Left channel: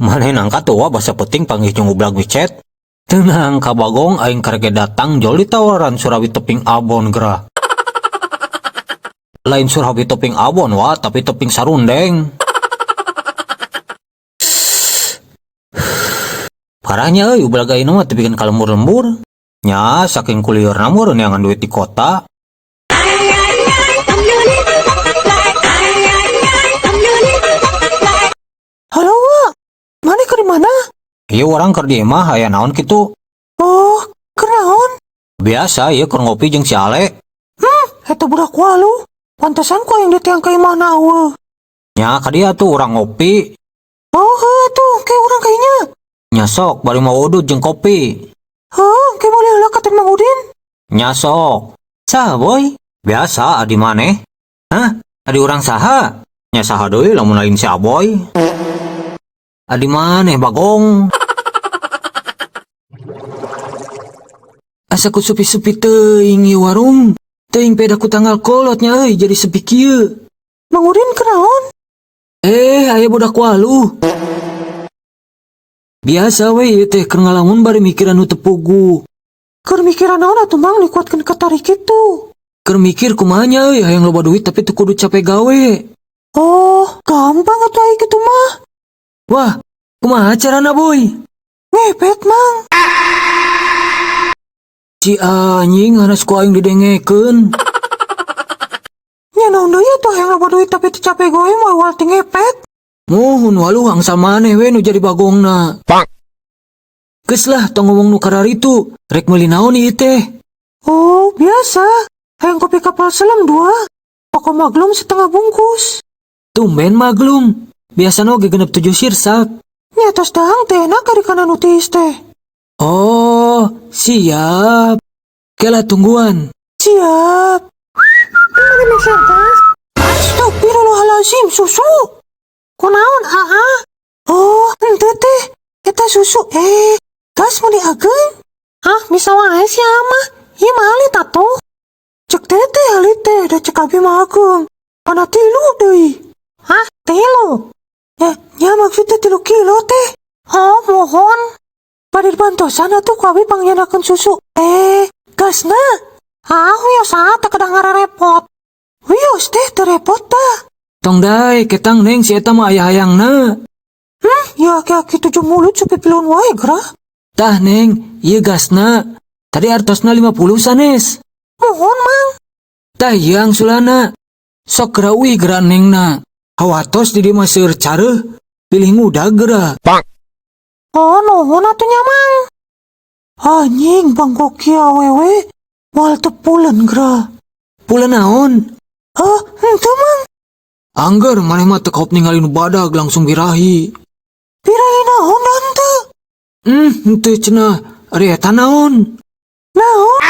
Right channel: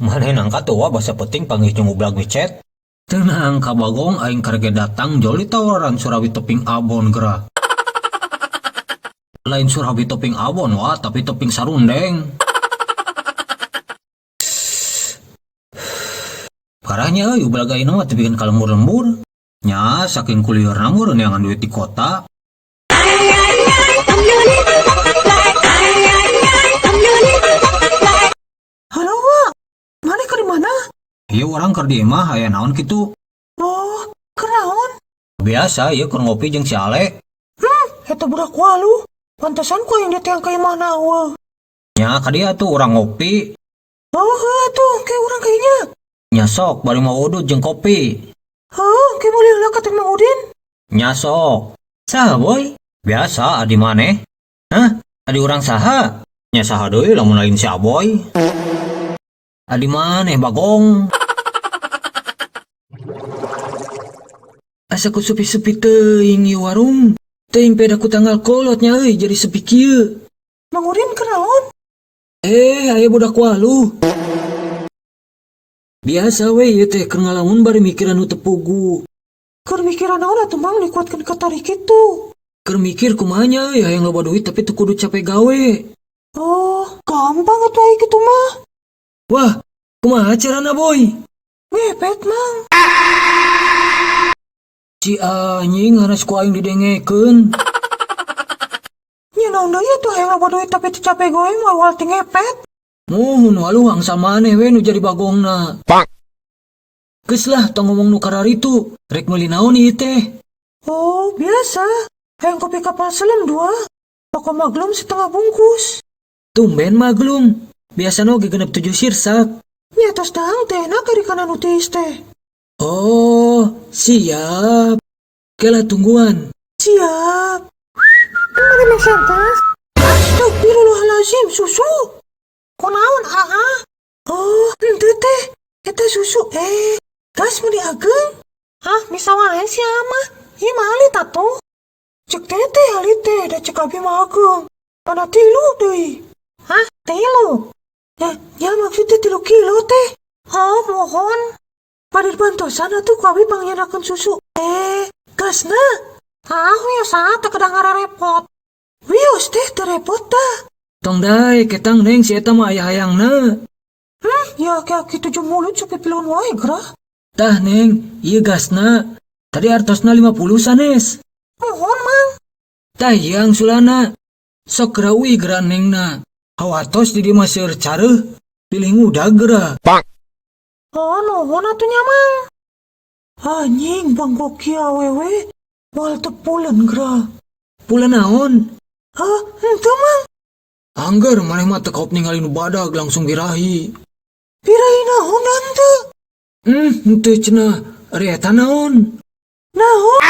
Maneh nangka tua basa penting panggih jeung ublag micet. Tenang ka Bagong aing karege datang joli tawaran Surawi teping abon gerah. Lain Surawi teping abon wa tapi teping sarundeng. Parahnya ublag ayeuna mah tepikeun kalembur-lembur. Nya saking kuliurna mah neangan duit di kota. Halo, Wak. Mana ke mana? Ieu urang keur di imah aya naon kitu? Oh, keur naon? Biasa ieu keur ngopi jeung si Ale. Eta budak walu. Pantesan ku yang ditiang ke imah nawa. Nya ka dieu tuh urang ngopi. Oh, tuh, kayak orang kayaknya. Nya sok bari mau udut jeung kopi. Kayak boleh lah kata Mang Udin. Nya sok. Saha boy? Biasa adi maneh. Hah? Adi urang saha? Nya saha deui lamun lain si Aboy. Adi maneh Bagong. Asa ku sepi-sepi teuing ieu warung. Teuing peda ku tanggal kolotnya euy jadi sepi kieu. Mang Udin kenaon? Aya budak walu. Biasa we ieu teh keur ngalamun bari mikiran nu teu pugu. Keur mikiran naon atuh Mang dikuatkeun ka tarik kitu. Keur mikir kumaha nya euy hayang loba duit tapi teu kudu capek gawe. Oh, gampang atuh aya kitu mah. Wah, kumaha carana boy? Ngepet Mang. Si anjing hanas ku aing didengekeun. Nya naon deui atuh hayang loba duit tapi teu capek gawe moal wal teu ngepet. Muhun walu hangsal maneh we nu jadi bagongna. Geus lah tong ngomong nu kararitu, rek meuli naon ieu teh? Oh, biasa. Hayang kopi kapal selam 2. Pokok maglum setengah bungkus. Tumben maglum. Biasana oge genep 7 sirsak. Nya tos dahang teh enak ari kana nutis teh. Oh, siap. Kela tungguan. Siap. Mana mesentas? Astagfirullahalazim, susu. Kunaon Oh, henteu teh. Eta susu gas mau diageun? Hah, bisa wae si mah. Ieu mah alit atuh. Cek teh alit teh da cek abi mah ageung. Ana 3 deui. Hah, 3? Ya maksudnya 3 kilo teh. Oh, mohon. Bari bantosan atuh ku abi pangyanakeun susu. Gasna. Wios teh kadang repot. Wios teh teu repot tah. Tong dae ketang neng si eta mah aya hayangna. Ya aki-aki 7 mulut supaya pilon wae gerah. Tah neng, ieu gasna. Tadi artosna 50 sanes. Mohon Mang. Tah yang sulana. Sok gerawi geura nengna. Hawatos di dieu mah seueur careuh. Pilih ngudag geura. Oh, nuhun atuh nya Mang. Anjing bangkok kieu awewe. Moal teu pulen gerah. Pulen naon? Henteu Mang. Angger maneh mah teu kaop ningali nu badag langsung birahi. Birahi naon henteu? Henteu cenah. Ari eta naon? Naon?